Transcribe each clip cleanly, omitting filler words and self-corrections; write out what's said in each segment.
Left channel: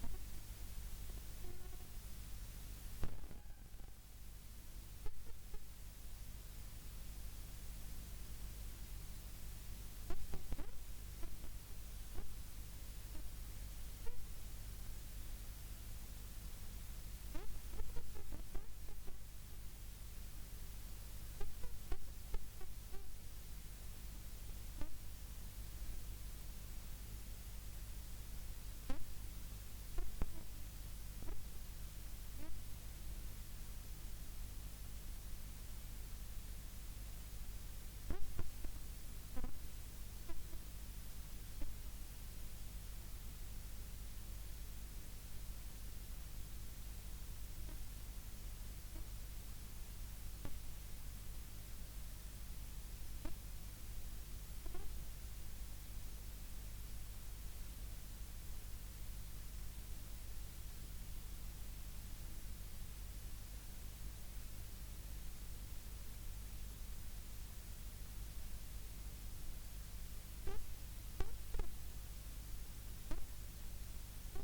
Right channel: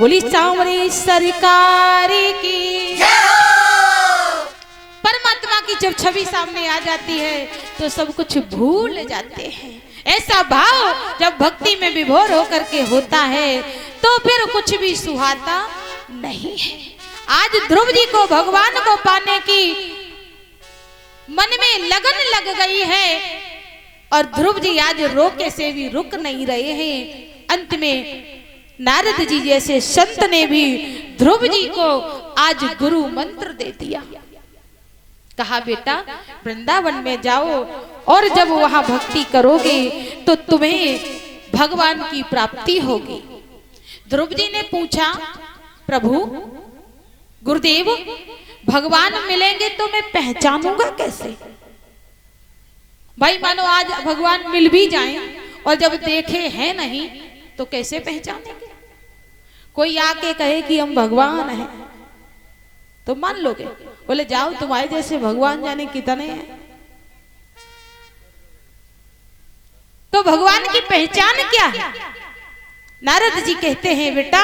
बोली सांवरी सरकार की। परमात्मा की जब छवि सामने आ जाती है तो सब कुछ भूल जाते हैं। ऐसा भाव जब भक्ति में विभोर होकर के होता है तो फिर कुछ भी सुहाता नहीं है। आज ध्रुव जी को भगवान को पाने की मन में लगन लग गई है और ध्रुव जी आज रोके से भी रुक नहीं रहे हैं। अंत में नारद जी जैसे संत ने भी ध्रुव जी को आज गुरु मंत्र दे दिया। कहा बेटा वृंदावन में जाओ और जब वहां भक्ति करोगे तो तुम्हें भगवान की प्राप्ति होगी। ध्रुव जी ने पूछा प्रभु गुरुदेव भगवान मिलेंगे तो मैं पहचानूंगा कैसे? भाई मानो आज भगवान मिल भी जाएं और जब देखे हैं नहीं तो कैसे पहचानेंगे? कोई आके कहे कि हम भगवान हैं तो मान लोगे? बोले जाओ तुम्हारे जैसे भगवान जाने कितने हैं। तो भगवान की पहचान क्या है? नारद जी कहते हैं बेटा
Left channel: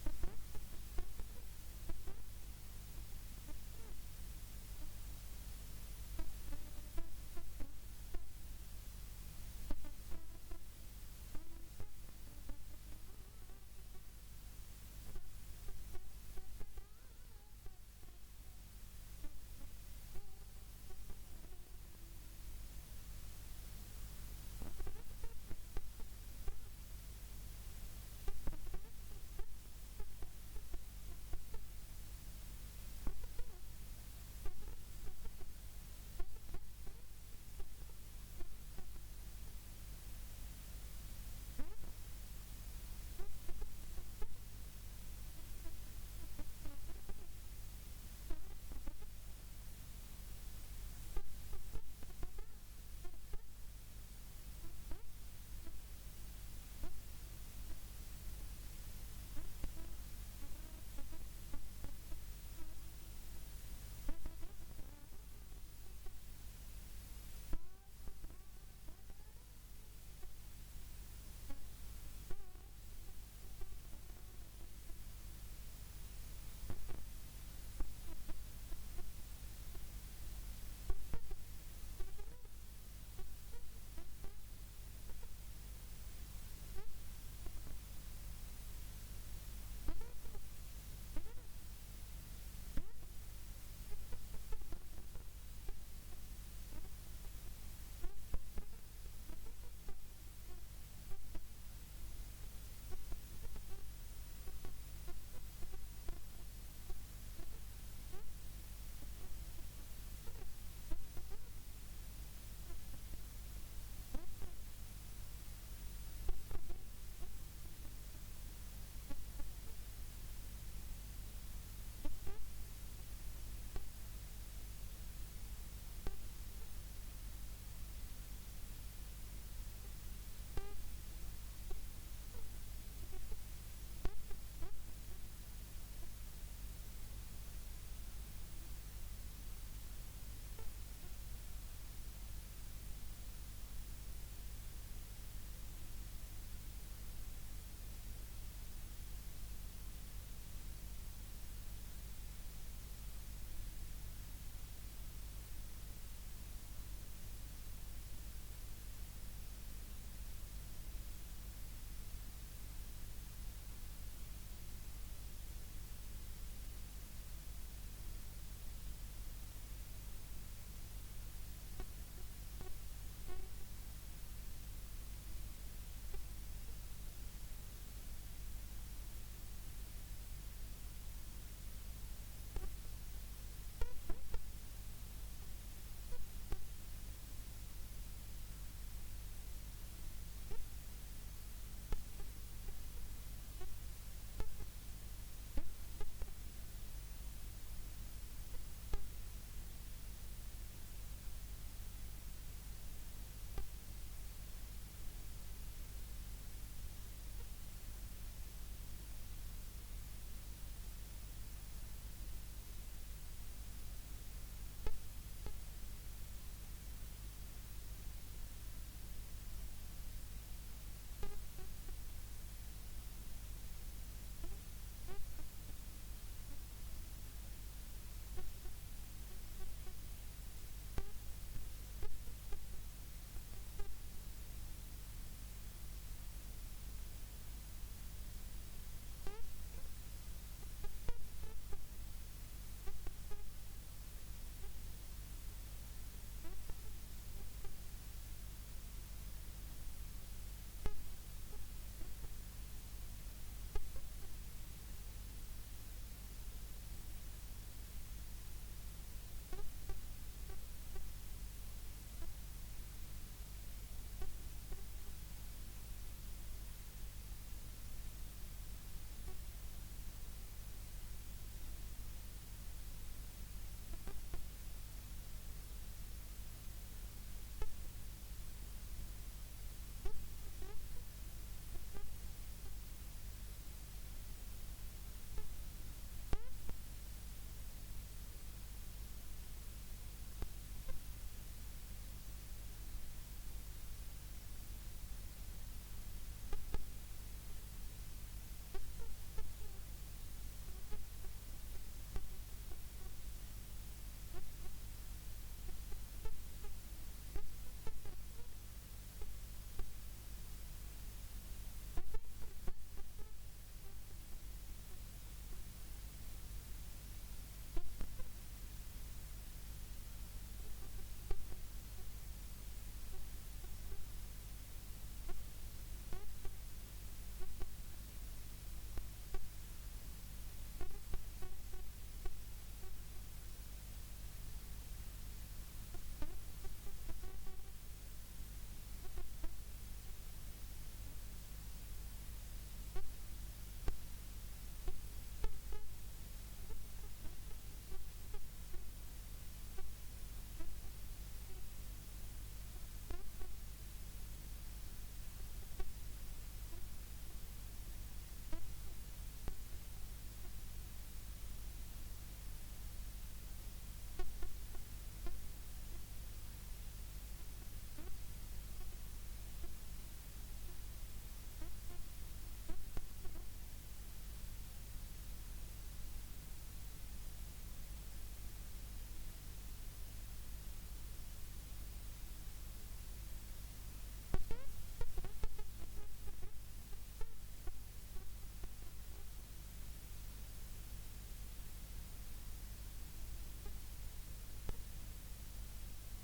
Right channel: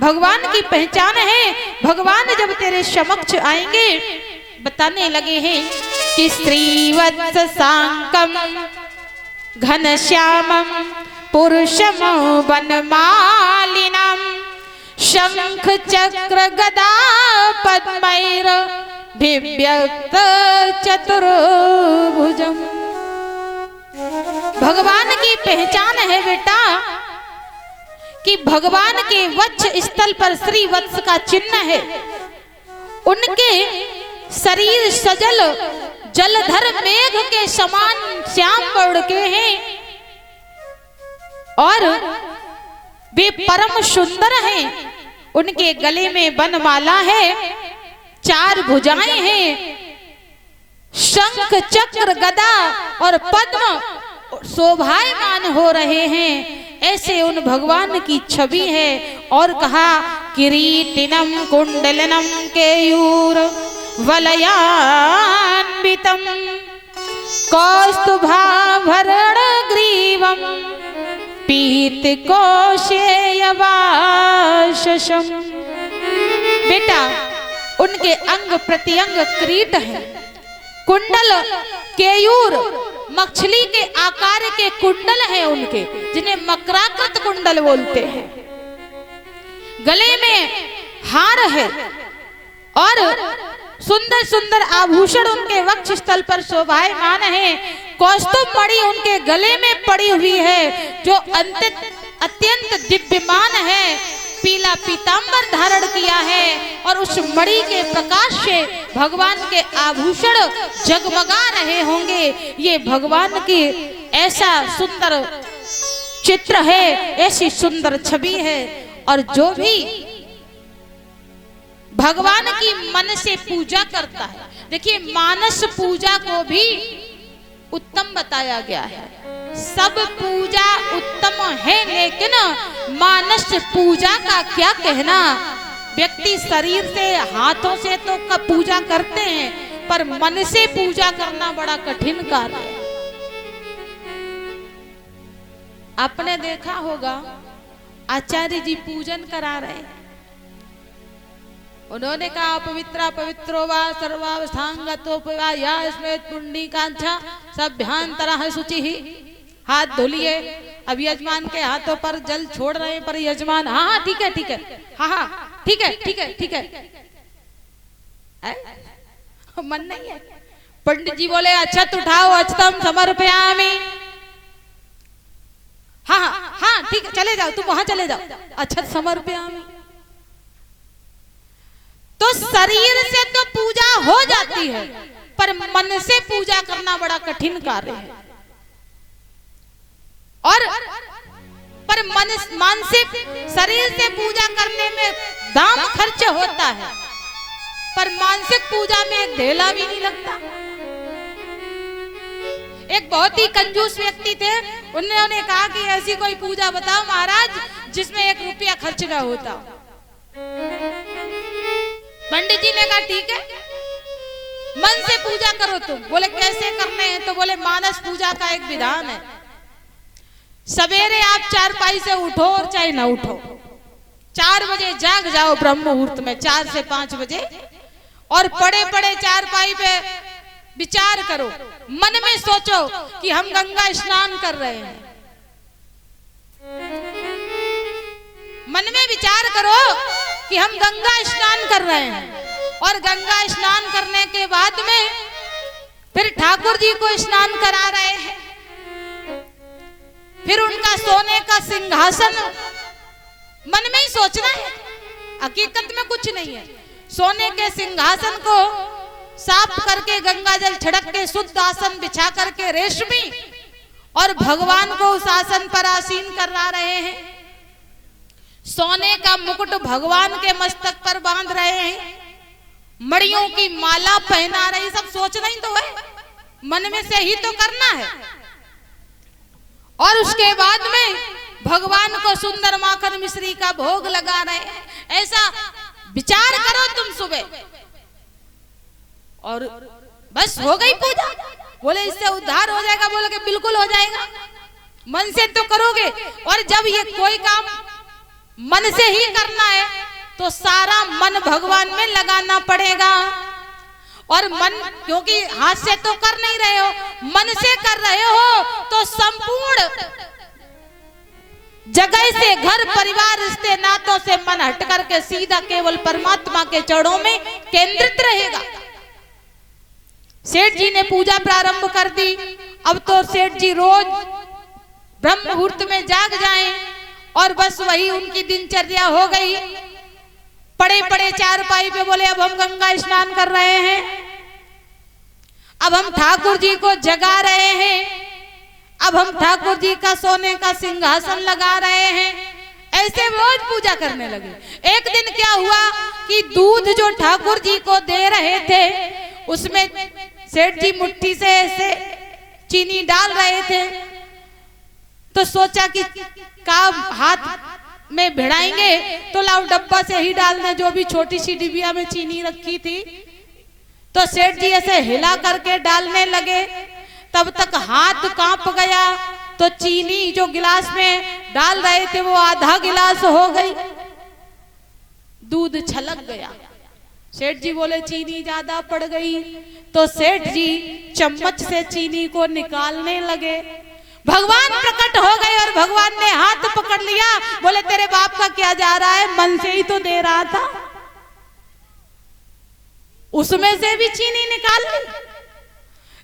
भगवान की पहचान है, भगवान जब तेरे समक्ष आएंगे बताने लगे हैं कि श्रीवत्स सांकम घनश्यामम पुरुषम वनमालिनम शंख चक्र गदा पद्मैर भिव्यक्त चतुर्भुजम। भगवान की पहचान है बेटा कि भगवान के वक्ष स्थल पर श्री वत्स का चिन्ह है। उनके शरीर सजल जलधर मेघ के समान श्याम वर्ण के हैं और वे परम सुंदर हैं। उनके गले में वनमाला है, 4 भुजाएं हैं, शंख चक्र गदा और पद्म शोभायमान हो रहे हैं। ऐसे उन भगवान की छवि है। और कहा किरीटिनम कुंडलनम केयूर वलयान्वितम कौस्तुभाभरण ग्रीवम पीत कौशेयवाशम। बेटा उनके अंग प्रत्यंग किरीट है, कुंडल केयूर मछली के आकार के कुंडल हैं उनके, जिन्हें मकराकृत कुंडल बोलते हैं। गले में हार है और सुंदर सुंदर आभूषण उनके वक्ष स्थल पर शोभायमान है। कौस्तुभ मणि उनके गले में पड़ी हुई है जो अत्यंत दिव्यमान है। पीला पीतांबर धारण किया है और उस मणि के प्रकाश से भगवान के आभूषण जगमगा रहे होंगे। ये भगवान की ऐसा सुंदर चित्र है, ऐसी सुंदर छवि है। और जो भी भगवान की मन से पूजा करता है, देखिए मानस पूजा को भी उत्तम बताया गया है। सब पूजा उत्तम है लेकिन मानस पूजा का क्या कहना। व्यक्ति शरीर से हाथों से तो पूजा करते हैं पर मन से पूजा करना बड़ा कठिन कार्य है। आपने देखा होगा आचार्य जी पूजन करा रहे हैं, उन्होंने कहा पवित्रा पवित्रो वा सर्वावस्थांगतोपवा या स्मृत पुंडीकांक्षा सभ्यांतरः शुचिः। हाथ धुलिए। अब यजमान के हाथों पर जल छोड़ रहे हैं पर यजमान हाँ हाँ ठीक है ठीक है, हाँ हाँ ठीक है ठीक है ठीक है, मन नहीं है। पंडित जी बोले अक्षत उठाओ अक्षतम समर्पयामि। हाँ हाँ हाँ ठीक है चले जाओ, तुम वहां चले जाओ, अक्षत समर्पयामि। तो शरीर से तो पूजा हो जाती है पर मन से पूजा करना बड़ा कठिन कार्य है। और पर मानसिक शरीर से पूजा करने में दाम खर्च होता है पर मानसिक पूजा में एक ढेला भी नहीं लगता। एक बहुत ही कंजूस व्यक्ति थे, उन्होंने कहा कि ऐसी कोई पूजा बताओ महाराज जिसमें 1 रुपया खर्च ना होता। पंडित जी ने कहा ठीक है मन से पूजा करो तुम। बोले कैसे करने हैं? तो बोले मानस पूजा का एक विधान है, सवेरे आप चारपाई से उठो और चाहे ना उठो, 4 बजे जाग जाओ ब्रह्म मुहूर्त में, 4 से 5 बजे, और पड़े पड़े चारपाई पे विचार करो, मन में सोचो कि हम गंगा स्नान कर रहे हैं। मन में विचार करो कि हम गंगा स्नान कर रहे हैं, और गंगा स्नान करने के बाद में फिर ठाकुर जी को स्नान करा रहे हैं। फिर उनका सोने का सिंहासन मन में ही सोचना है, हकीकत में कुछ नहीं है। सोने के सिंहासन को साफ करके गंगा जल छिड़क के शुद्ध आसन बिछा करके रेशमी, और भगवान को उस आसन पर आसीन करा रहे हैं। सोने का मुकुट भगवान के मस्तक पर बांध रहे हैं, मड़ियों की माला पहना रहे। सब सोचना ही तो है, मन में से ही तो करना है। और उसके बाद में भगवान को सुंदर माखन मिश्री का भोग लगा रहे हैं। ऐसा विचार करो तुम सुबह, और बस हो गई पूजा। बोले इससे उद्धार हो जाएगा, बोले कि बिल्कुल हो जाएगा, मन से तो करोगे। और जब ये कोई काम मन से ही करना है तो सारा मन भगवान में लगाना पड़ेगा। और मन, क्योंकि हाथ से तो कर नहीं रहे हो, मन से कर रहे हो, तो संपूर्ण जगह से, घर परिवार रिश्ते नातों से मन हट करके सीधा केवल परमात्मा के चरणों में केंद्रित रहेगा। सेठ जी ने पूजा प्रारंभ कर दी। अब तो सेठ जी रोज ब्रह्म मुहूर्त में जाग जाएं, और बस वही उनकी दिनचर्या हो गई। पड़े पड़े चारपाई पे बोले अब हम गंगा स्नान कर रहे हैं, अब हम ठाकुर जी को जगा रहे हैं, अब हम ठाकुर जी का सोने का सिंहासन लगा रहे हैं। ऐसे रोज पूजा करने लगे। एक दिन क्या हुआ कि दूध जो ठाकुर जी को दे रहे थे उसमें सेठ जी मुट्ठी से ऐसे चीनी डाल रहे थे, तो सोचा कि काम हाथ में भिड़ाएंगे तो लाओ डब्बा से ही डालने, जो भी छोटी सी डिबिया में चीनी रखी थी। तो सेठ जी ऐसे हिला करके डालने लगे, तब तक हाथ कांप गया, तो चीनी जो गिलास में डाल रहे थे वो आधा गिलास हो गई, दूध छलक गया। सेठ जी बोले चीनी ज्यादा पड़ गई, तो सेठ जी चम्मच से चीनी को निकालने लगे। भगवान प्रकट हो गए और भगवान ने हाथ पकड़ लिया। बोले तेरे बाप का क्या जा रहा है, मन से ही तो दे रहा था, उसमें से भी चीनी निकाल ली।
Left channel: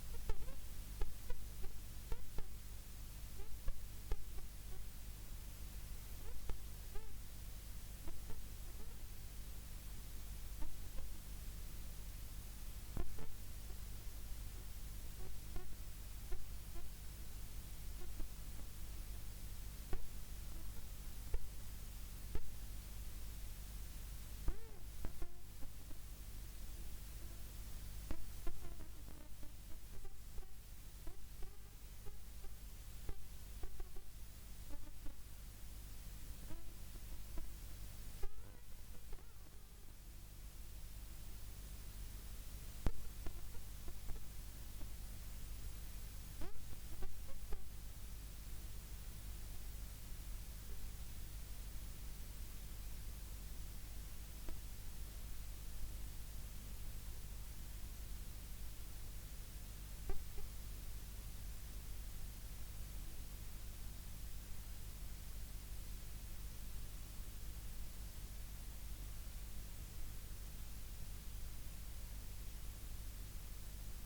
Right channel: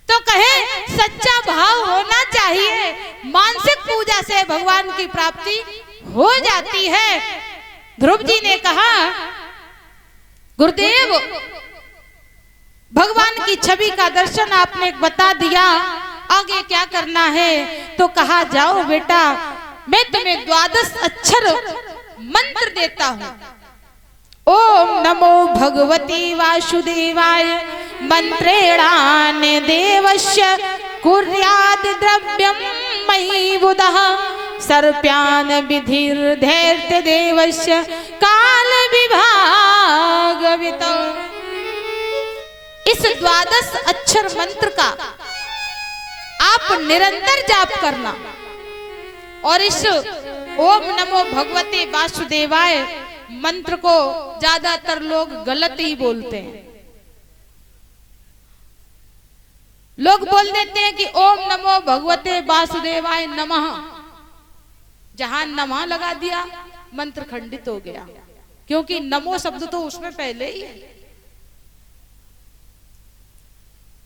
तो कहे सच्चा भाव होना चाहिए, मानसिक पूजा से भगवान की प्राप्ति हो जाती है। ध्रुव जी ने कहा गुरुदेव भगवान की छवि का दर्शन आपने बता दिया, आगे क्या करना है? तो कहा जाओ बेटा मैं तुम्हें 12 अक्षर मंत्र देता हूं। ओम नमो भगवती वासुदेवाय मंत्रेणान देवस्य कुर्याद द्रव्यम मयि बुधः सर्प्यान विधिर्धैर्य देवस्य काल विभागवितो। इस 12 अक्षर मंत्र का आप निरंतर जाप करना। और इस ओम नमो भगवते वासुदेवाय मंत्र को ज्यादातर लोग गलत ही बोलते हैं। लोग बोल देते हैं कि ओम नमो भगवते वासुदेवाय नमः, जहां नमः लगा दिया मंत्र खंडित हो गया, क्योंकि नमो शब्द तो उसमें पहले ही है।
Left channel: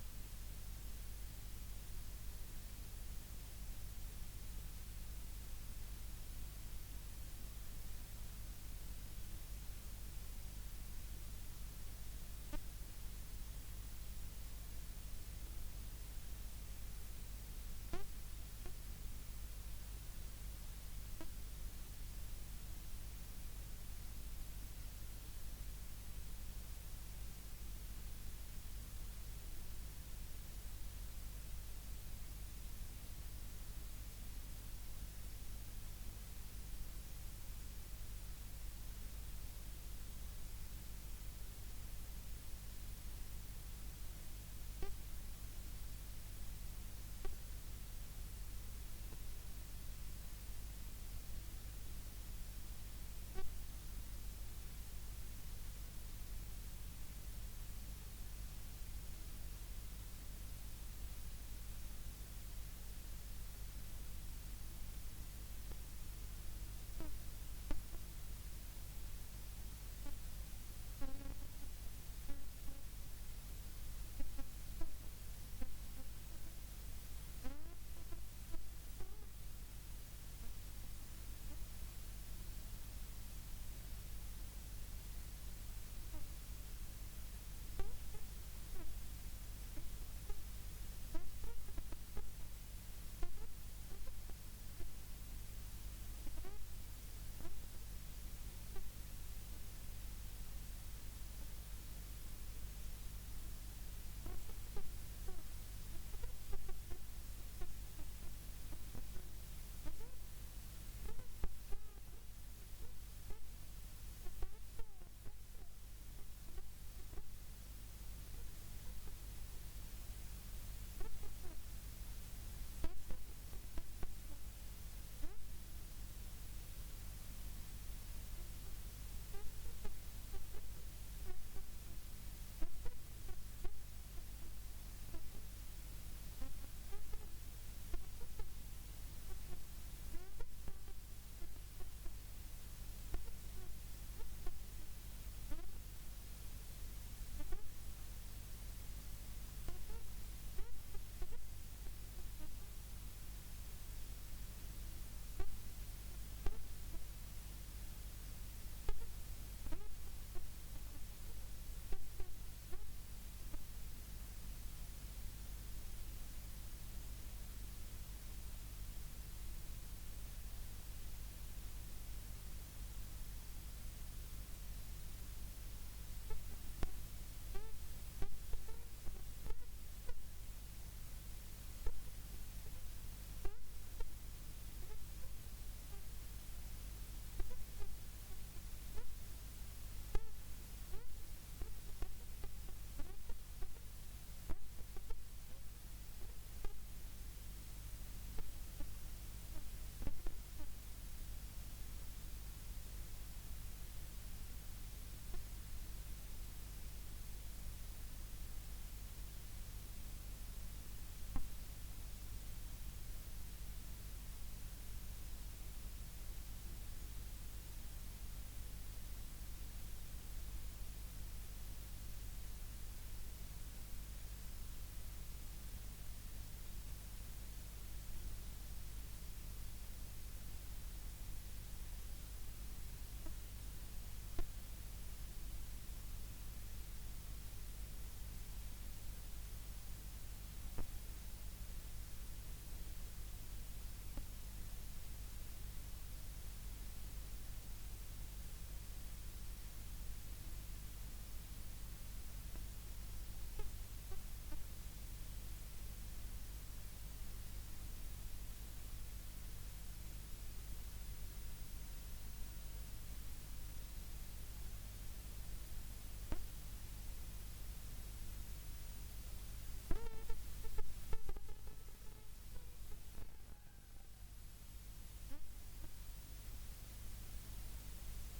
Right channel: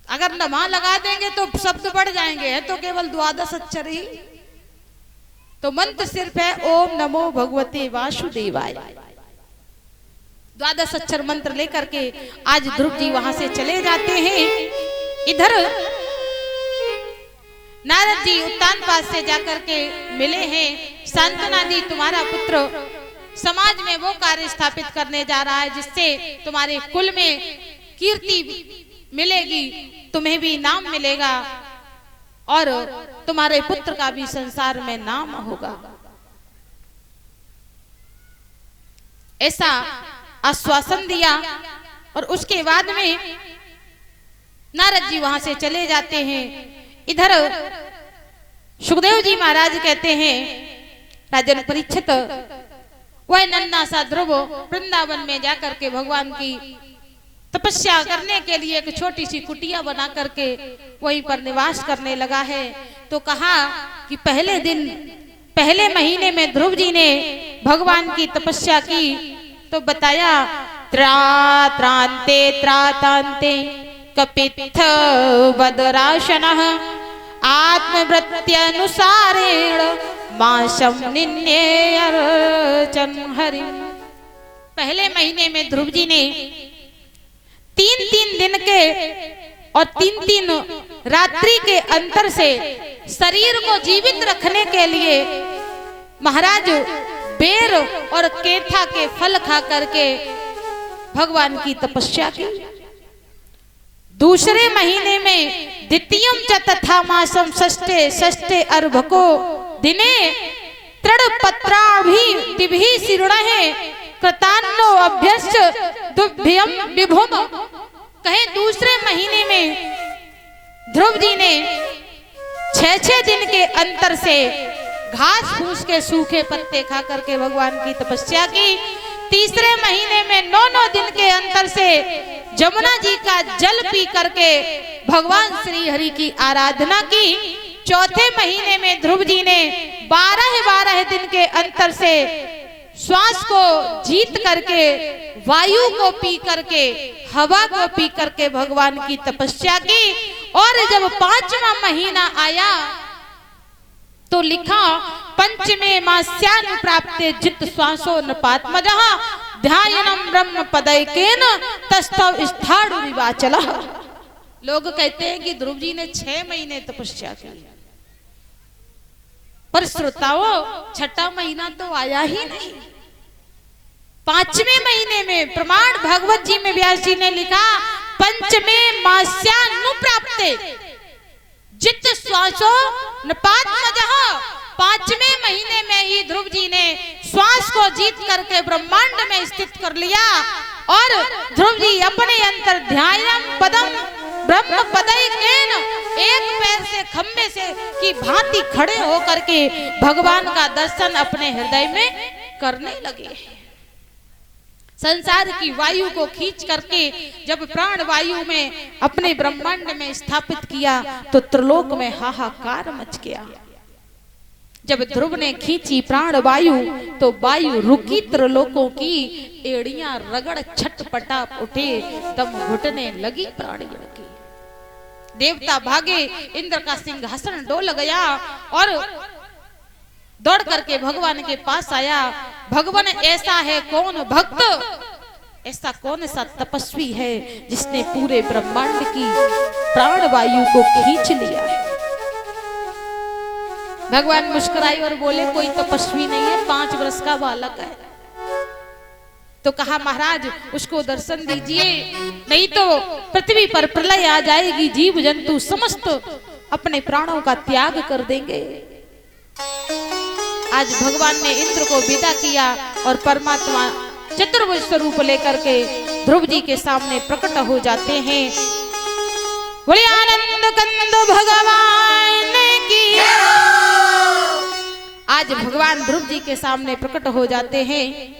अगर नमः लगा देंगे तो शब्द बढ़ जाएंगे, है तो केवल 12 अक्षर ही। तो मंत्र सिर्फ है ओम नमो भगवते वासुदेवाय। 12 अक्षर मंत्र लेकर के आज ध्रुव जी वहां से चले जाते हैं। इधर नारद जी उत्तान पास से जाकर के मिले हैं। सांत्वना दी तुम्हारा पुत्र समाज में वो कार्य स्थापित करने जा रहा है जिससे तुम्हारे कुल में कीर्ति मिलेगी, तुम्हें भी नाम मिलेगा और तुम्हारे पुत्र का भी संसार में नाम होगा। ऐसा आश्वासन दिया और उसके बाद में नारद जी वहां से चले जाते हैं। इधर सुखदेव जी महाराज कहते हैं राजन परीक्षित वह नन्हा सा ध्रुव वृंदावन में जाकर के भगवान की तपस्या करने के लिए एक छोटी सी कुटिया बना करके वहीं पर निवास करने लगा है। तो कहा कि पहले महीने में ध्रुव जी ने भगवान की तपस्या की तो बताया त्रात्रांते त्रातांते कपित्थ बदराशनः आत्मवृत्त्यनुसारेण माशम निन्येयर्चन हरि। पहले महीने में ध्रुव जी ने 3-3 दिन के और 3-3 रात्रि के अंतर से शरीर को जीवित रखने के लिए महाराज बेर और केथा के फल खा करके भगवान की तपस्या की। दूसरे महीने में द्वितीयम च तथा मासम षष्ठे अर्भको दिने तृणपत्राभि दिभि शीर्णहे कृतान्नो अभ्यस्य दुभ्यम विभुम। कहे दूसरे महीने में ध्रुव जी ने 6-6 दिन के अंतर से घास फूस के सूखे पत्ते खा करके भगवान की तपस्या की। तीसरे महीने में 9-9 दिन के अंतर से जमुना जी का जल पी करके भगवान श्री हरि की आराधना की। चौथे महीने में ध्रुव जी ने 12-12 दिन के अंतर से श्वास को जीत करके वायु को पी करके हवा को पी करके भगवान की तपस्या की। और जब 5वां महीना आया तो लिखा पंचमे मास्यानुप्राप्ते जित श्वासो नपात्मजः ध्यायनम ब्रह्म पदैकेन तस्थौ स्थाणु विवाचलः। लोग कहते हैं कि ध्रुव जी ने 6 महीने तपस्या की, पर श्रोताओं 6ठा महीना तो आया ही नहीं। 5वें महीने में प्रमाण भागवत जी में व्यास जी ने लिखा पंचमे मास्यानुप्राप्ते जित श्वासो नपात्मजः। 5वें महीने में ही ध्रुव जी ने श्वास को जीत करके ब्रह्मांड में स्थित कर लिया और ध्रुव जी अपने अंतर ध्यायम पदम ब्रह्म पदैकेन एक पैर से खंबे से की भांति खड़े होकर के भगवान का दर्शन अपने हृदय में करने लगे। संसार की वायु को खींच करके जब प्राण वायु में अपने ब्रह्मांड में स्थापित किया तो त्रिलोक में हाहाकार मच गया। जब ध्रुव ने खींची प्राण वायु तो वायु रुकी, त्रिलोकों की एड़ियां रगड़ छटपटा उठे, दम घुटने लगी प्राणियों की। देवता भागे, इंद्र का सिंहासन डोल गया और दौड़ करके भगवान के पास आया। भगवान ऐसा है कौन भक्त, ऐसा कौन सा तपस्वी है जिसने पूरे ब्रह्मांड की प्राण वायु को खींच लिया है। भगवान मुस्कुराए और बोले कोई तपस्वी नहीं है, 5 वर्ष का बालक है। तो कहा महाराज उसको दर्शन दीजिए, नहीं तो पृथ्वी पर प्रलय आ जाएगी, जीव जंतु समस्त अपने प्राणों का त्याग कर देंगे। आज भगवान ने इंद्र को विदा किया और परमात्मा चतुर्भुज स्वरूप लेकर के ध्रुव जी के सामने प्रकट हो जाते हैं। बोले आनंद कंद भगवान की। आज भगवान ध्रुव जी के सामने प्रकट हो जाते हैं।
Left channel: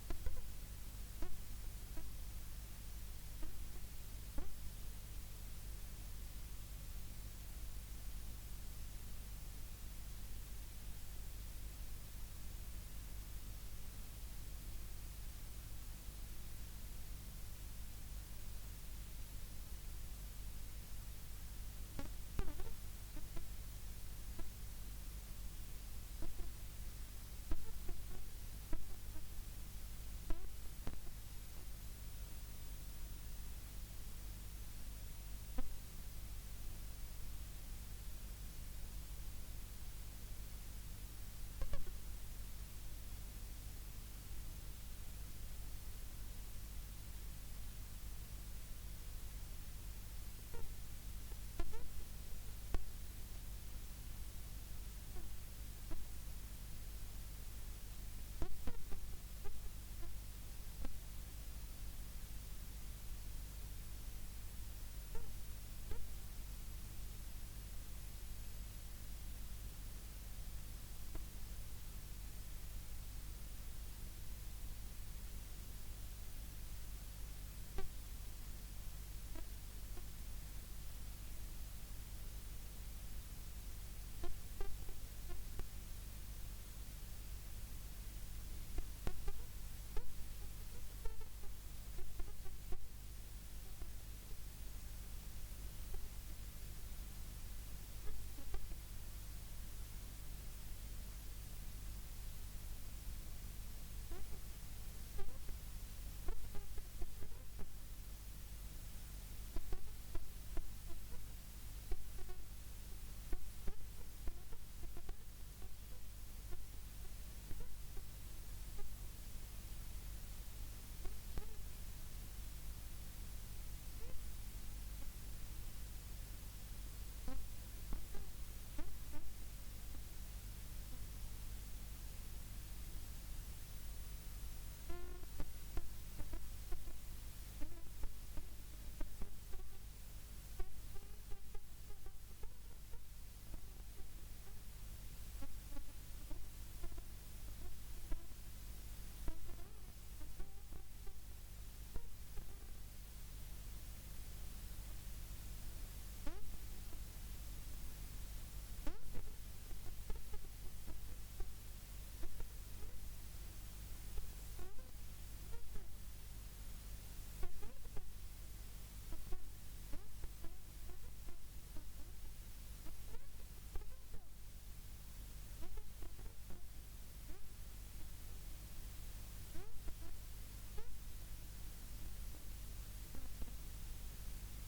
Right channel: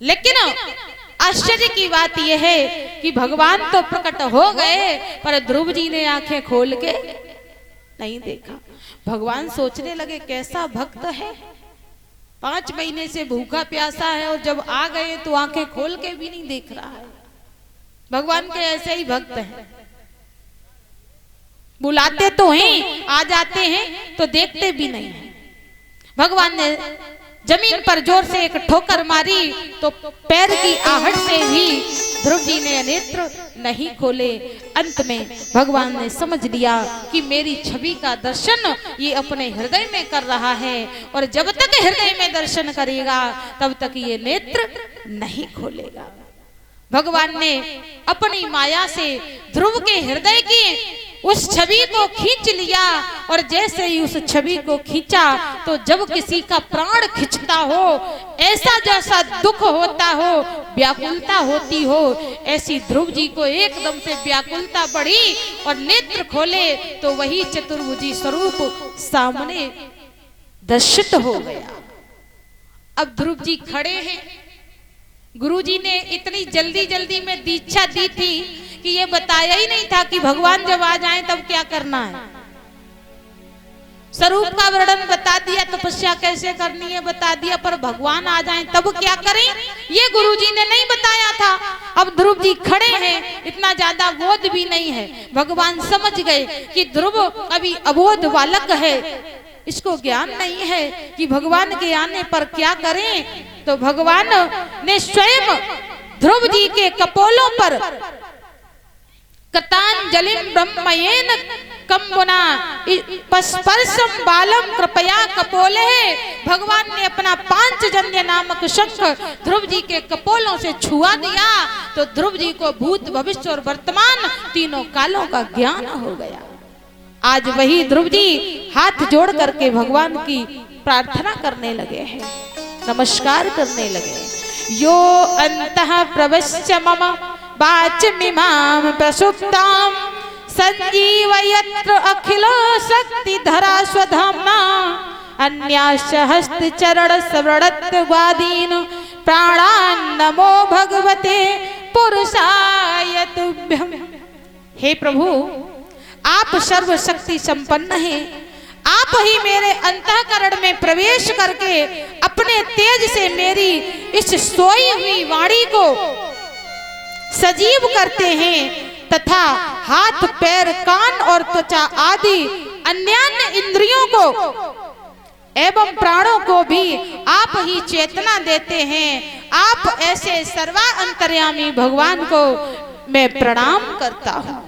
लेकिन आश्चर्य की बात यह है कि भगवान तो प्रकट हो गए पर ध्रुव जी ने आंखें खोल के नहीं देखा। भगवान सोचने लगे कैसा भक्त है, 5 महीने से भूखा प्यासा है और जब आ गए तो आंखें खोल के भी नहीं देख रहा है। भगवान के ऐसे ही भक्त हैं, बुलाते तो हैं, आ जाते हैं तो देखते भी नहीं है। भगवान ने जमीन पर जोर से एक ठोकर मारी तो पैर की आहट से भी ध्रुव जी ने नेत्र नहीं खोले। अंत में भगवान ने समझ लिया कि मेरी छवि का दर्शन ये अपने हृदय में कर रहा है और जब तक हृदय में दर्शन करेगा तब तक ये नेत्र नहीं खोलेगा। भगवान ने अपनी माया से ध्रुव के हृदय की उस छवि को खींच लिया और जैसे ही उस छवि को खींचा तो जब किसी का प्राण खिंचता हो, ऐसा जैसा दुख होता हो, व्याकुलता होती हो, ऐसी ध्रुव जी को एकदम से व्याकुलता बढ़ी और नेत्र खोले तो वही चतुर्भुजी स्वरूप सामने दर्शित हो गया। अब ध्रुव जी खड़े हैं। गुरुजी ने इतनी जल्दी जल्दी में दीक्षा दी थी कि ये बताया ही नहीं था कि भगवान जब आ जाएं तब क्या करना है। स्वरूप का वर्णन बता दिया, तपस्या कैसे करनी है बता दिया, पर भगवान आ जाएं तब क्या करें ये गुरुजी ने नहीं बताया था। अब ध्रुव जी खड़े हैं, इतना ज्यादा बोध भी नहीं है। भगवान समझ गए कि ध्रुव अभी अबोध बालक है, इसको ज्ञान नहीं है कि भगवान के आने पर क्या करें। तो भगवान ने स्वयं ध्रुव जी के कपोलों पर कृतांजलिं ब्रह्मयेन कंबुना स्पर्शम बालम कृपया कपोले, भगवान ने अपना पांचजन्य नामक शंख ध्रुव जी के कपोलों से छुआ दिया। तो ध्रुव जी को भूत भविष्य और वर्तमान तीनों कालों का ज्ञान हो गया। आज वही ध्रुव जी हाथ जोड़ करके भगवान की प्रार्थना करने लगे हैं, नमस्कार करने लगे। यो अंतः प्रविश्य मम वाचमिमां प्रसुप्तां संजीवयत्र अखिलो शक्तिधरा स्वधाम्ना अन्याश्च हस्तचरण स्मरणत्वादीन् प्राणान् नमो भगवते पुरुषाय तुभ्यम्। हे प्रभु, आप सर्वशक्ति संपन्न हैं, आप ही मेरे अंतःकरण में प्रवेश करके अपने तेज से मेरी इस सोई हुई वाणी को सजीव करते हैं तथा हाथ पैर कान और त्वचा आदि अन्यान्य इंद्रियों को एवं प्राणों को भी आप ही चेतना देते हैं। आप ऐसे सर्वा अंतर्यामी भगवान को मैं प्रणाम करता हूँ।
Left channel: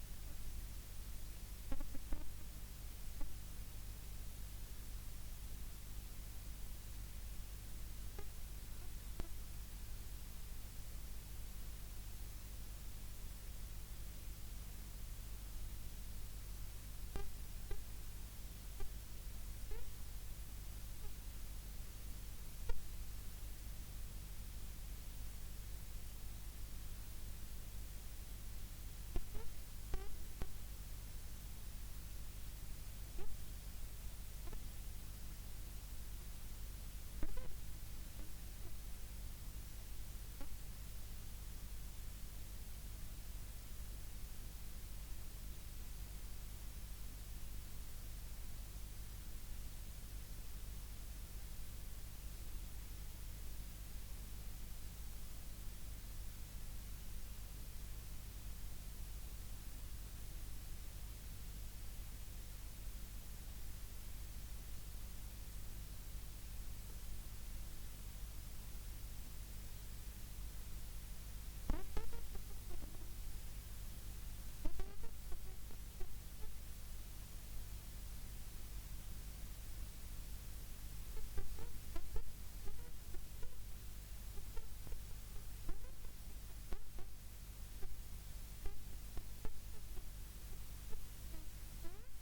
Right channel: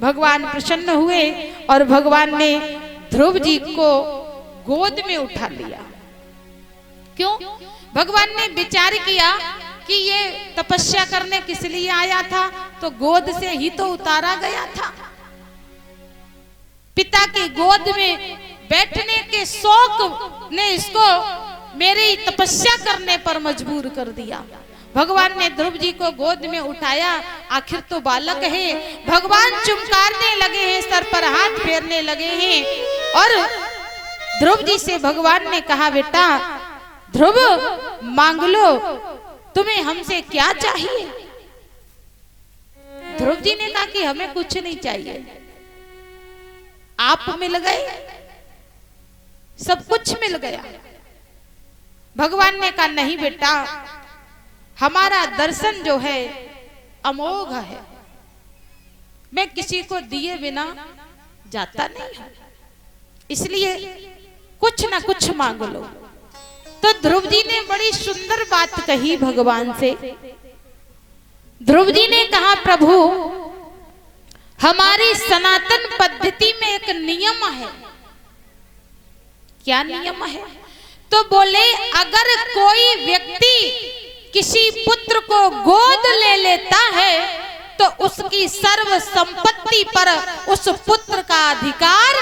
भगवान प्रसन्न हुए और भगवान ने ध्रुव जी को गोद में उठा लिया। क्यों? भगवान ने विचार किया कि ये तपस्या करने किस लिए आया था, तो गोद से ही तो उतारा गया था। पिता की गोद में बैठने के शौक ने इसको मेरी तपस्या करने पर मजबूर कर दिया। भगवान ने ध्रुव जी को गोद में उठाया, आखिर तो बालक है। भगवान चुमकारने लगे हैं, सर पर हाथ फेरने लगे हैं और ध्रुव जी से भगवान ने कहा, बेटा ध्रुव मांग लो, तुम्हें हमसे क्या चाहिए। ध्रुव जी ने कहा कि हमें कुछ नहीं चाहिए, आप मिल गए, सब कुछ मिल गया। भगवान ने कहा नहीं बेटा, हमारा दर्शन जो है अमोघ है, मैं किसी को दिए बिना जाता नहीं, इसलिए कुछ ना कुछ मांग लो। तो ध्रुव जी ने बड़ी सुंदर बात कही भगवान से। ध्रुव जी ने कहा, प्रभु हमारी सनातन पद्धति में एक नियम है। क्या नियम है? तो बोले अगर कोई व्यक्ति किसी पुत्र को गोद ले लेता है तो उसकी सर्व संपत्ति पर उस पुत्र का अधिकार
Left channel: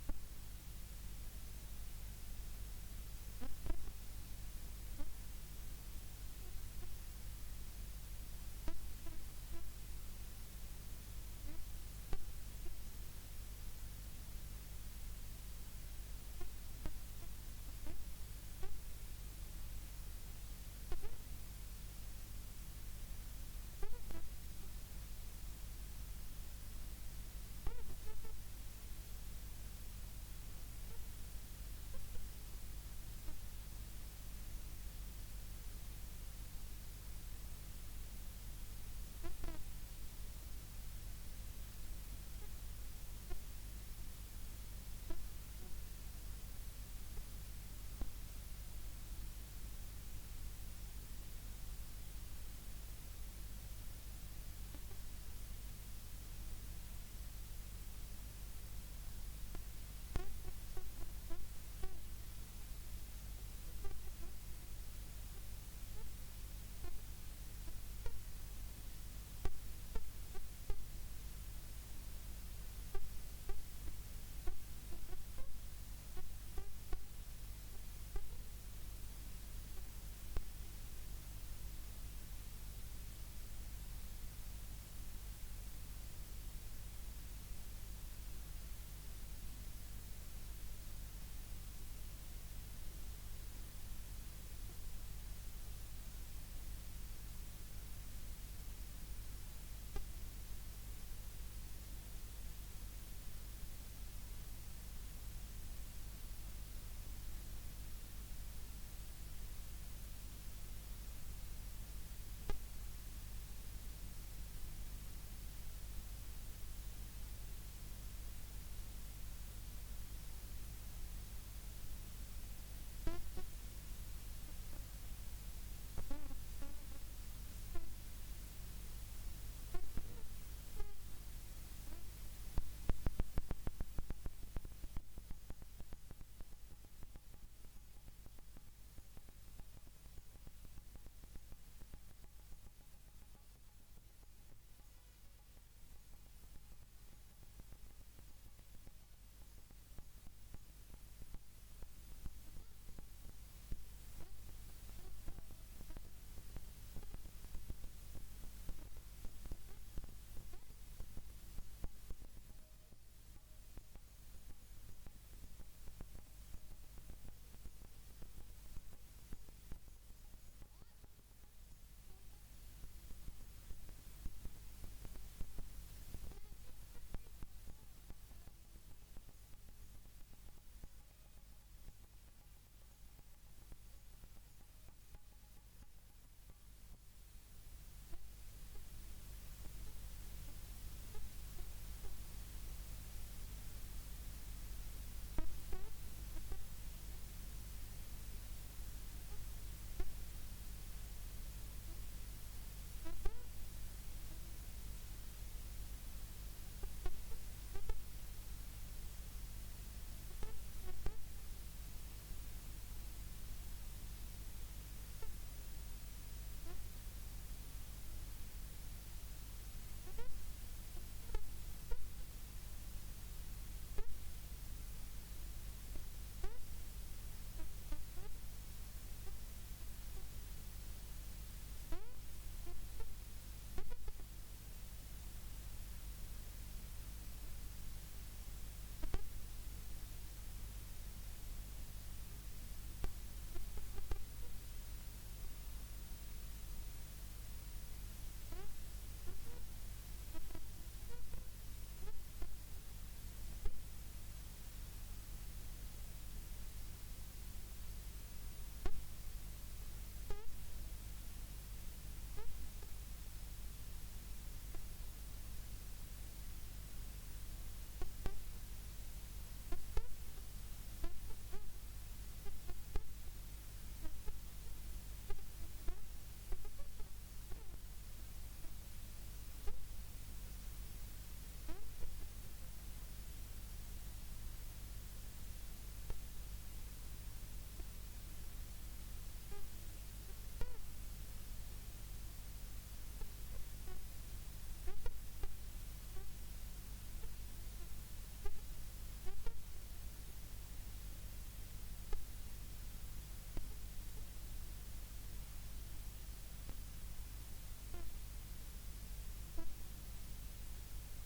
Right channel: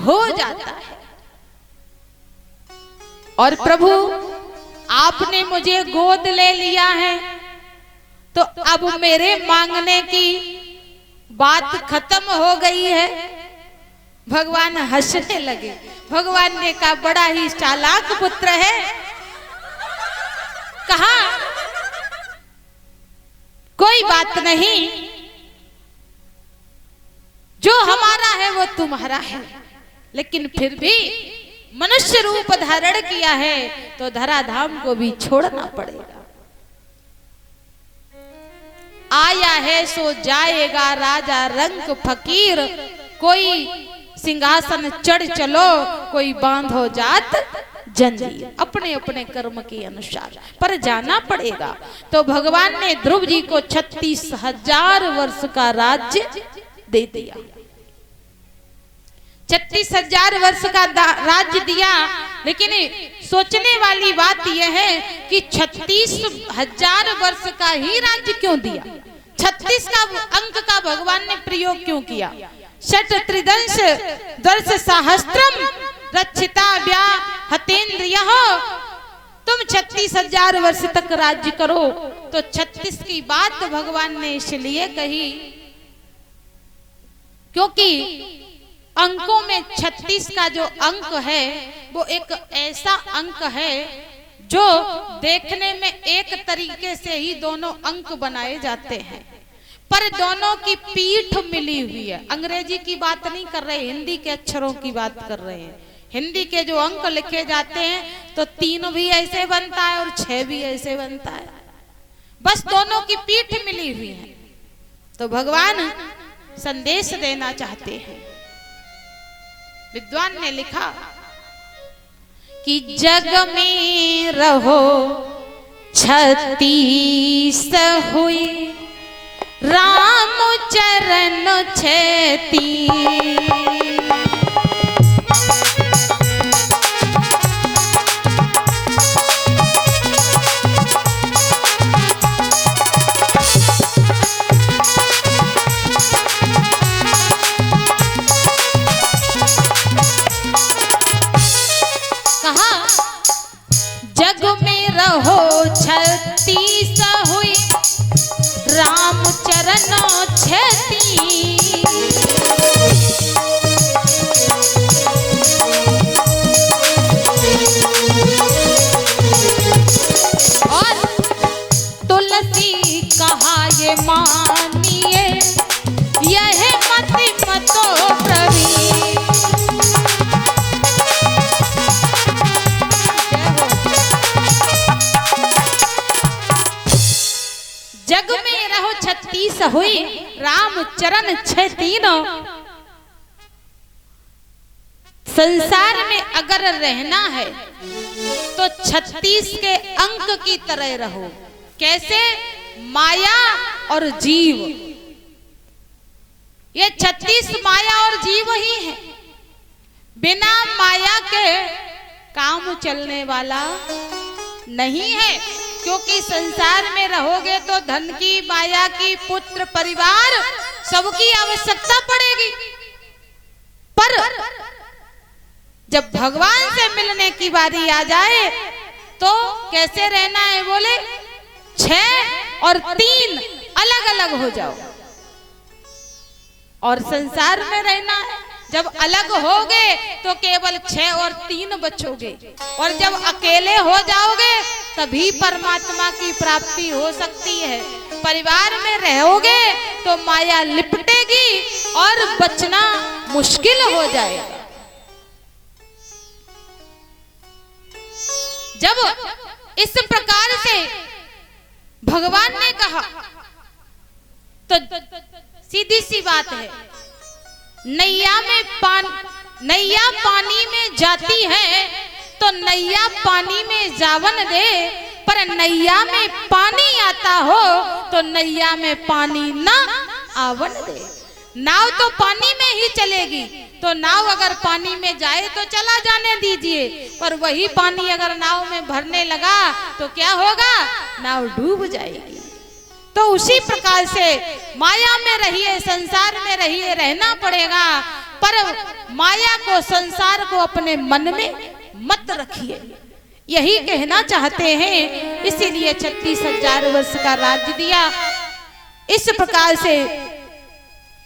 हो जाता है। और प्रभु आपने मुझे गोद ले लिया है तो अब मेरे मांगने की बात खत्म हो गई है। भगवान हंसने लगे। भगवान ने कहा बड़ा ही चालाक पुत्र है। कहा कोई बात नहीं, जो हमारा है वो तुम्हारा है, लेकिन फिर भी मनुष्य रूप धारण किया है तो धराधाम को भी छोड़ना पड़ेगा। आया है सो जाएगा राजा रंक फकीर, कोई सिंहासन चढ़ चलो, कोई बांधो जात जंजीर। अपने अपने कर्म के अनुसार पर जाना पड़ेगा। तो भगवान ने ध्रुव जी को 36,000 वर्ष का राज्य दे दिया। 36,000 वर्ष का राज्य दिया। लेकिन सोचने वाली बात यह है कि 36,000 वर्ष का ही राज्य क्यों दिया? 36 का अंक का भगवान ने प्रयोग क्यों किया? षट त्रिदंश दर्श सहस्त्रम रक्षिता व्या हतेन्द्रियः। तुम 36,000 वर्ष तक राज्य करो। तो 36 की बात भगवान ने इसलिए कही क्योंकि अंकों में 36 का जो अंक है वो एक ऐसा अंक है जो देखने में एक तरीके से ही दोनों अंक बनाए जाते हैं, पर दोनों की पीठ मिली हुई है। अंग्रेजी की बात नहीं कर रहे, हिंदी के अक्षरों की बात कर रहे हैं। हिंदी के जो अंक लिखे जाते हैं तो 3 भी ऐसे बनता है और 6 भी ऐसे बनता है, बस दोनों की पीठ मिली हुई है। तो भगवान संदेश देना चाहते हैं। विद्वान ने लिखा कि जग में रहो 36 हुई, राम चरण 36। जग में रहो 36 हुई, राम चरण 36। और तुलसी कहा ये मानिए, यह मति मतो प्रवीण। जग में रहो 36 हुई, राम चरण 36। संसार में अगर रहना है तो 36 के अंक की तरह रहो। कैसे? माया और जीव, ये 36 माया और जीव ही है। बिना माया के काम चलने वाला नहीं है, क्योंकि संसार में रहोगे तो धन की, माया की, पुत्र, परिवार सबकी आवश्यकता पड़ेगी। पर जब भगवान से मिलने की बारी आ जाए तो कैसे रहना है? बोले 6 और 3 अलग अलग हो जाओ। और संसार में रहना है, जब अलग होगे तो केवल 6 और 3 बचोगे, और जब अकेले हो जाओगे तभी परमात्मा की प्राप्ति हो सकती है। परिवार में रहोगे तो माया लिपटेगी और बचना मुश्किल हो जाएगा। जब इस प्रकार से भगवान ने कहा तो सीधी सी बात है, नैया पानी में जाती है तो नैया पानी में जावन दे, पर नैया में पानी आता हो तो नैया में पानी ना आवन दे। नाव तो पानी में ही चलेगी, तो नाव अगर पानी में जाए तो चला जाने दीजिए, पर वही पानी अगर नाव में भरने लगा तो क्या होगा? नाव डूब जाएगी। तो उसी प्रकार से माया में रहिए, संसार में रहिए, रहना पड़ेगा, पर माया को, संसार को अपने मन में मत रखिए, यही कहना चाहते हैं। इसीलिए 36,000 वर्ष का राज्य दिया। इस प्रकार से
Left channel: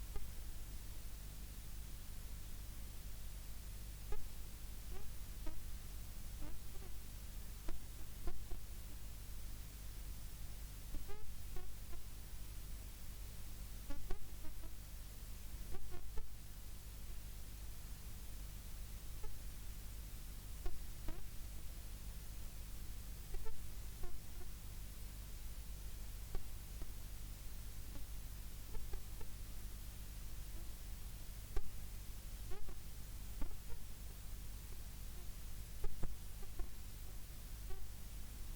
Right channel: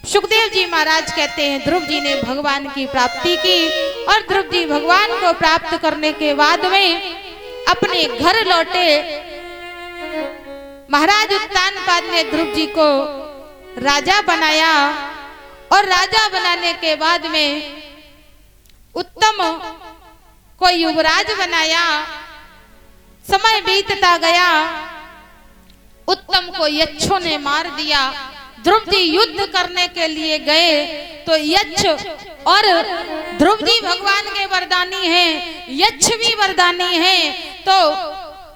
सुखदेव जी महाराज कहते हैं, ध्रुव जी ने भगवान की प्राप्ति की, और ध्रुव जी भगवान को प्राप्त करने के बाद में अपने घर लौटे। महाराज उत्तानपाद ने ध्रुव जी को राजा बनाया, और राजा बनाने के बाद में उत्तम को युवराज बनाया। समय बीतता गया, उत्तम को यक्षों ने मार दिया। ध्रुव जी युद्ध करने के लिए गए तो यक्ष, और ध्रुव जी भगवान के वरदानी हैं, यक्ष भी वरदानी हैं, तो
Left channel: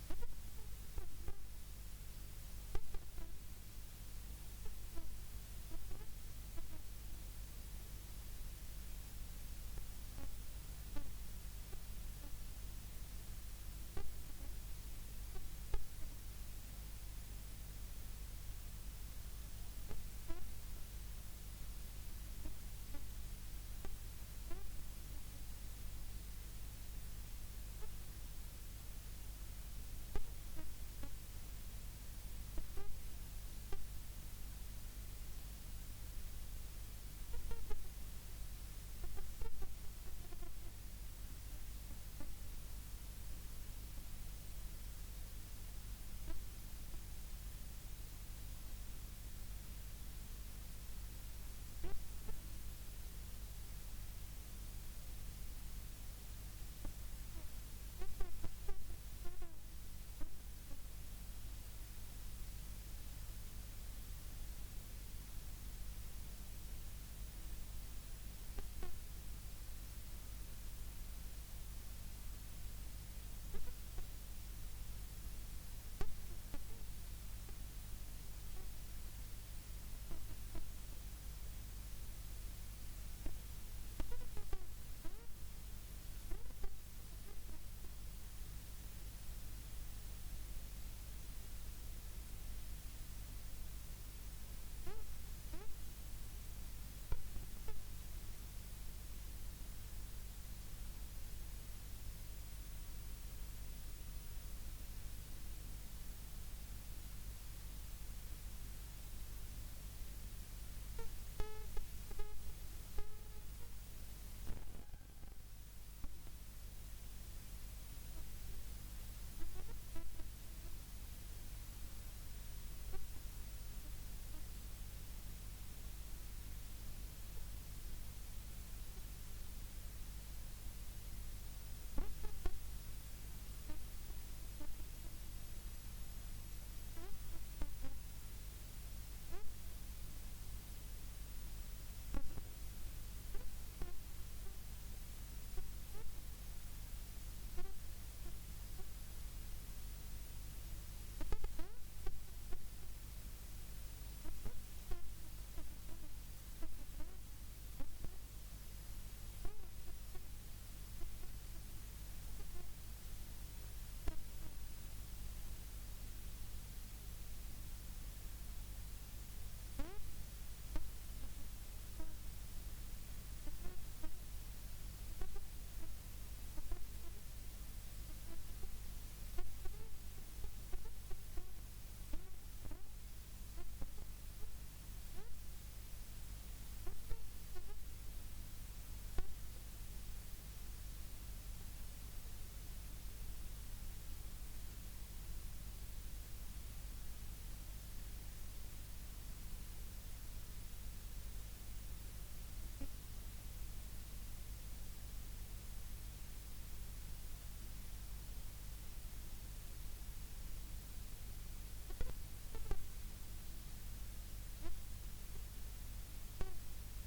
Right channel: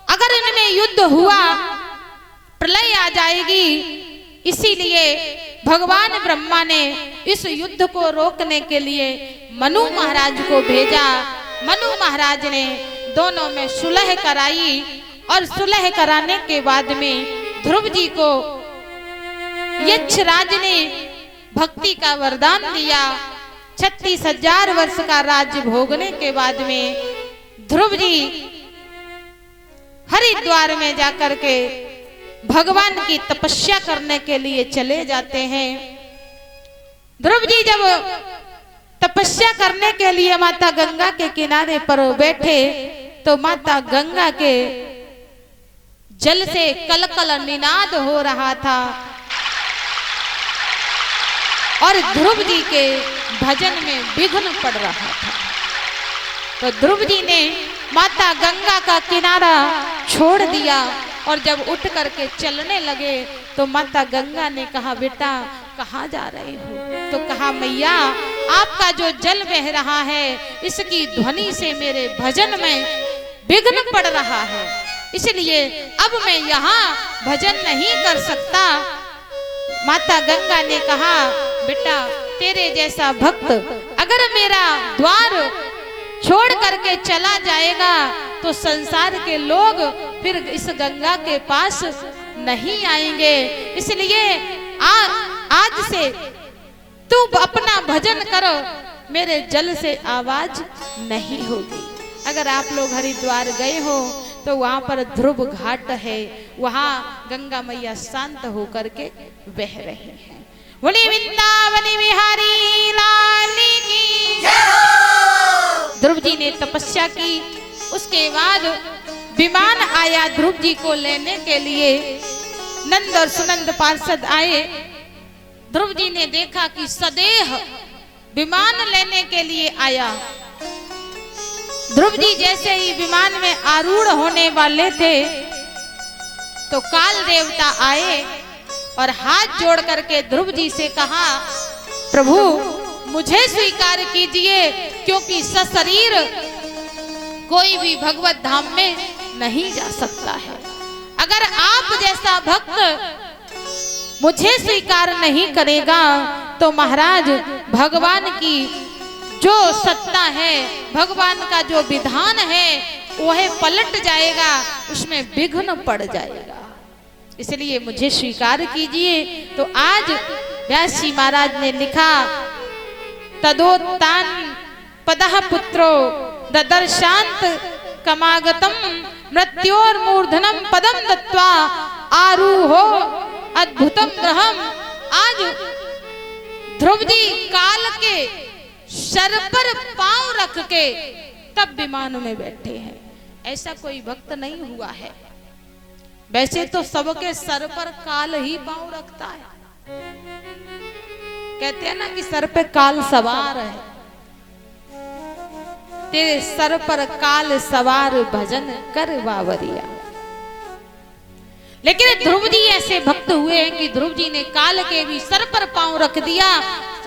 अगर इनमें युद्ध हुआ प्रलय आ जाएगी। इसीलिए भगवान ब्रह्मा ने इस युद्ध को रोकने के लिए मनु महाराज को भेजा। मनु महाराज ने दोनों में सुलह कराई, और सुलह कराने के बाद में ध्रुव जी को यक्षराज ने भक्ति का वरदान दिया। 36,000 वर्ष का राज्य भोगने के बाद में ध्रुव जी हरिद्वार में जाकर के भगवान की तपस्या करने के लिए चले जाते हैं। ध्रुव जी जब तपस्या करने के लिए माता गंगा के किनारे पर बैठे तो माता गंगा के जल से कलकल निनाद हो रहा था और ध्रुव जी के भजन में विघ्न पड़ रहा था। तो ध्रुव जी ने माता गंगा का किनारा छोड़ दिया और जब उठ करके चलने लगे तो माता गंगा ने कहा, बेटा कहाँ जा रहे हो? तो कहा, मैया आपका जो जल बह रहा है इसकी ध्वनि से मेरे भजन में विघ्न पड़ रहा है, इसलिए अब मैं यहाँ भजन नहीं कर सकता। माता गंगा ने कहा, बेटा तेरे जैसा भक्त अगर मेरा द्वार छोड़ करके चला जाएगा तो संसार के लोग फिर इस गंगा के पास नहीं आएंगे, इसलिए आज से तू अपना भजन करो, मेरे जल से आवाज नहीं होगी। अगर आप लोग हरिद्वार गए हो तो वहां पर ध्रुव घाट है, वहां गंगा मैया शांत होकर के बह रही है। बोले वृंदावन बिहारी लाल की जय। ध्रुव जी ने तपस्या की, उसके बाद विमान आया ध्रुव जी को लेने के लिए। नंद और सुनंद पार्षद आए। ध्रुव जी ने देखा कि सदेह विमान लेने के लिए आया। ध्रुव जी जैसे ही विमान में आरूढ़ होने वाले थे तो काल देवता आए और हाथ जोड़ करके ध्रुव जी से कहा, प्रभु मुझे स्वीकार कीजिए, क्योंकि सशरीर कोई भी भगवत धाम में नहीं जा सकता है। अगर आप जैसा भक्त मुझे स्वीकार नहीं करेगा तो महाराज भगवान की जो सत्ता है, भगवान का जो विधान है वह पलट जाएगा, उसमें विघ्न पड़ जाएगा, इसलिए मुझे स्वीकार कीजिए। तो आज व्यास जी महाराज ने लिखा, तदोत्तान पदः पुत्रो ददर्शांत कमागतम मृत्योर्मूर्धनम पदम दत्वा आरूहो अद्भुतम ग्रहम। आज ध्रुव जी काल के सर पर पांव रख के तब विमान में बैठे हैं, ऐसा कोई भक्त नहीं हुआ है। वैसे तो सबके सर पर काल ही पांव रखता है, कहते हैं ना कि सर पे काल सवार है, तेरे सर पर काल सवार भजन कर बावरिया। लेकिन ध्रुव जी ऐसे भक्त हुए हैं कि ध्रुव जी ने काल के भी सर पर पांव रख दिया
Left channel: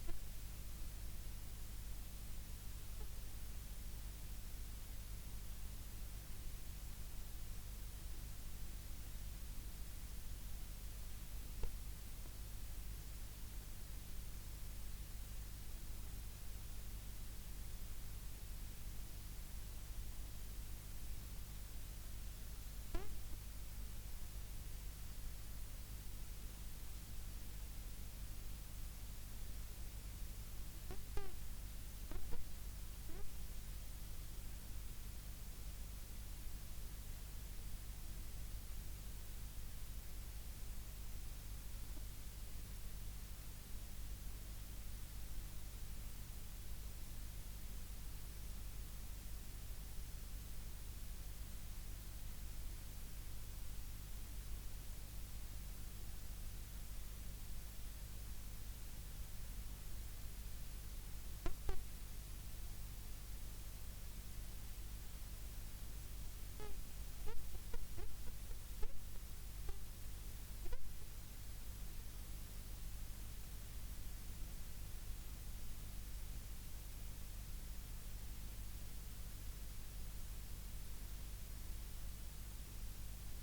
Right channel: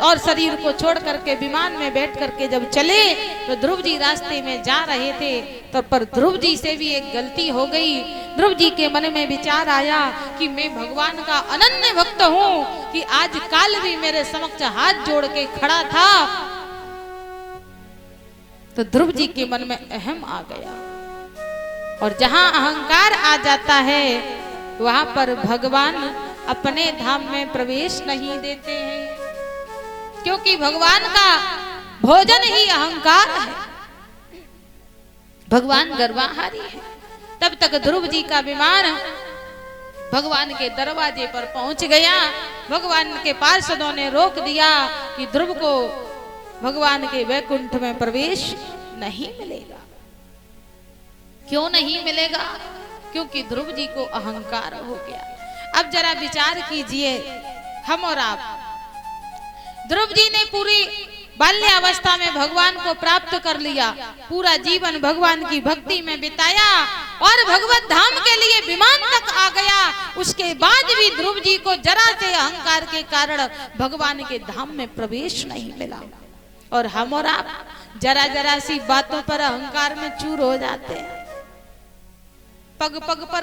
और शरीर को छोड़ करके विमान में बैठ करके जब चले तो ध्रुव जी रास्ते में जा रहे थे तो पर ध्रुव जी से भी एक गलती हो गई। ध्रुव जी के मन में विचार आया कि मैं भगवान का अनन्य भक्त हूँ कि आज काल भी मेरे समक्ष हाथ जोड़ के खड़ा था। तो ध्रुव जी के मन में अहम आ गया, और जहां अहंकार आ जाता है वहां पर भगवान अपने धाम में प्रवेश नहीं देते हैं, क्योंकि भगवान का भोजन ही अहंकार है, भगवान गर्वाहारी है। तब तक ध्रुव जी का विमान भगवान के दरवाजे पर पहुंच गया। भगवान के पार्षदों ने रोक दिया कि ध्रुव को भगवान के वैकुंठ में प्रवेश नहीं मिलेगा। क्यों नहीं मिलेगा? क्योंकि ध्रुव जी को अहंकार हो गया। अब जरा विचार कीजिए, हम और आप, ध्रुव जी ने पूरी बाल्यावस्था में भगवान को प्राप्त कर लिया, पूरा जीवन भगवान की भक्ति में बिताया और भगवत धाम के लिए विमान तक आ गया। उसके बाद भी ध्रुव जी को जरा से अहंकार के कारण भगवान के धाम में प्रवेश नहीं मिला। और हम और आप जरा जरा सी बातों पर अहंकार में चूर हो जाते हैं, पग पग पर